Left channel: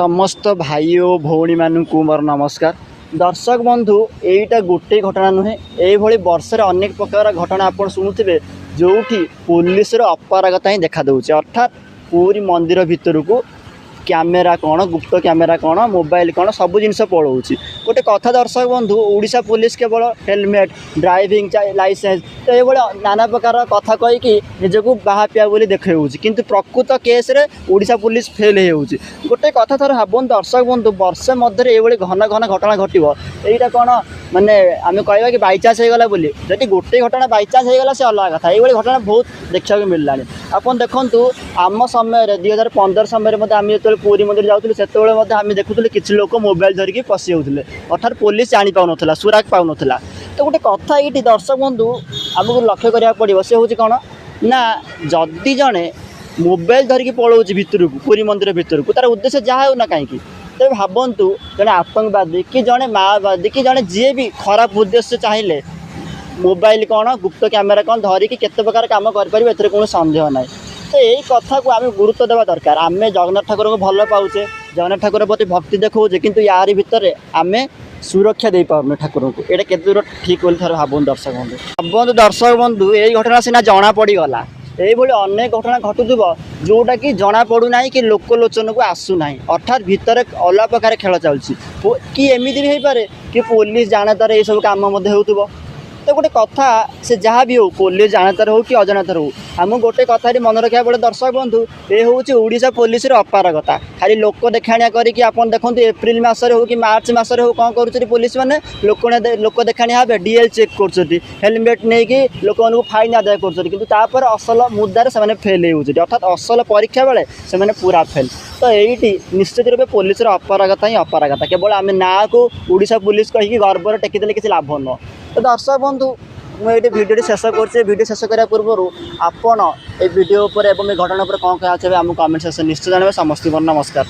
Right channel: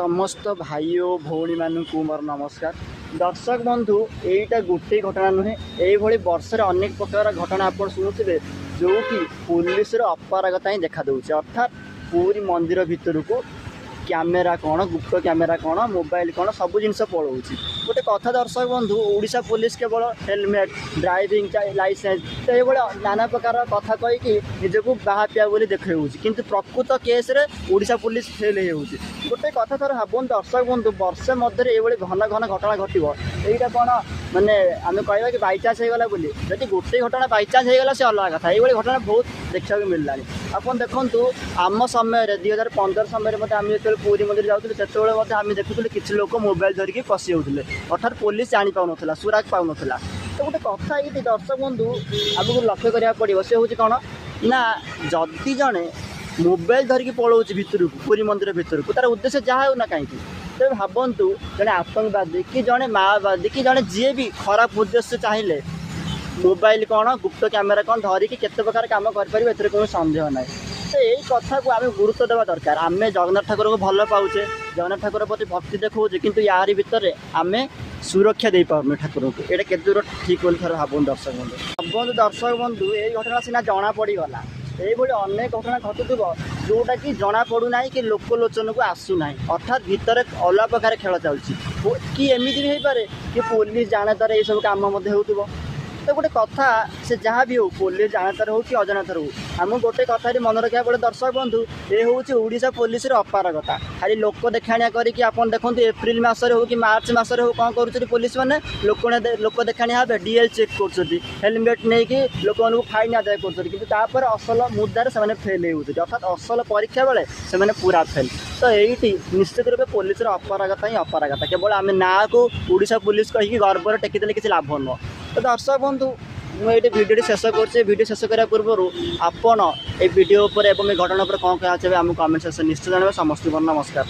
समस्त भाई और भौणी मानक मोर नमस्कार। दर्शक बंधु यहीटा गोटे घटना नुहे, यही वर्ष अनेक प्रकार घटना आप शुणुवे जो पुलिस अपरागता ही देखा दूचे। अर्थात पूरी मंदिर भितर को कैमेरा कौन, गुप्त कैमेरा कौन, मोबाइल कौन, सब जिनस पड़ोची। गोटे कथा दर्शक बंधु, ओडिशा पुलिस केवल हेलमेट, ड्राइविंग लाइसेंस तो ये नाना प्रकार कथा कहीकि निजक बाहापिया बोली देखा किंतु प्रकृत केस रे ओडिशा पुलिस फेल होउची। गोटे कथा थर भावन दर्शक बंधु, वर्षे मध्य ये घन घन घटना घटो यहाँ कौन माने आम कह कि बाईचान्स होगा बोली, जदि गोटे घटना बाईचान्स होगा से अलग कथा। ये घटना बहुत देखा मिलला। आपन देखु आम समय 2015 समय आम जो पुरी मंदिर जाऊँ से आम देखुले किसी लोक मोबाइल धरिकी पशि होते, अर्थात पुलिस जानी पाऊन सुराग पाऊन। तो गोटे कथा ये दर्शक बंधु आमको लक्ष्य करा पड़ो, से हूँ कौन ना जदि जड़े मोबाइल धरिकी पलाऊँ भितर को पुरी मंदिर भितर को, तार उद्देश्य जहाँ हो ना कहीं तेज भावतु जड़े आतंकवादी कि जड़े माओवादी कि जड़े जी भी खराब उद्देश्य चाहिए मोबाइल कौन, गुप्त कैमेरा कौन धरिकी केते प्रकार काम करें कौन सन्देह ना। तो यही कथा को आम गुरुत्व देवा दरकार। आम जगन्नाथ ठाकुर को भल पाऊे, जगन्नाथ ठाकुर प्रति भक्ति देखोचे, किंतु यार भितर आम सुरक्षा दे पार्न ठाकुर को। ये केते दूर ठीक बोली थर भावुन दर्शक बंधु। दर्शक बंधु यही घटना सीना जना पड़गला, यही अनेक घटना घटुव जोटा कि जना पड़ूना कि लोकलोचन को आसूना। अर्थात भितर अलग प्रकार खेल चलती कि एमती भी हो पारे कि पुलिस जाने तार ये सब कम हो। तो गोटे कथा से जहाँ भी हो, पुलिस जानतार हो कि अजानतार हो, आम गोटे कथा मन रखा पड़े दर्शक बंधु। ये हूँ ओडिशा पुलिस अपारगता। खाली लोक देखाणिया करके आपन देखो एप्रिल मसरे हो कि मार्च मसरे हो कौन कर पुलिस मैंने लोक देखाणिया भाव डीएल चेक कर हेलमेट नहीं कि लोक फाइन आदाय कर असल मुद्दार से फेल हो, अर्थात असल परीक्षा बेले से पूरा फेल। तो ये निश्चित रूप पुलिस अपरागता ही अपरागता, केवल आम ना को ओडिशा पुलिस कहीकि गर्व टेकिदेले किसी लाभ न। तो दर्शक बंधु मुझे भिडियो शेष कर भिडियो शेष करने पूर्व आपड़ ये भिडियो एवं घटना पर कौन कहते हैं आम कमेंट सेक्शन निश्चय जानवे। समस्त नमस्कार।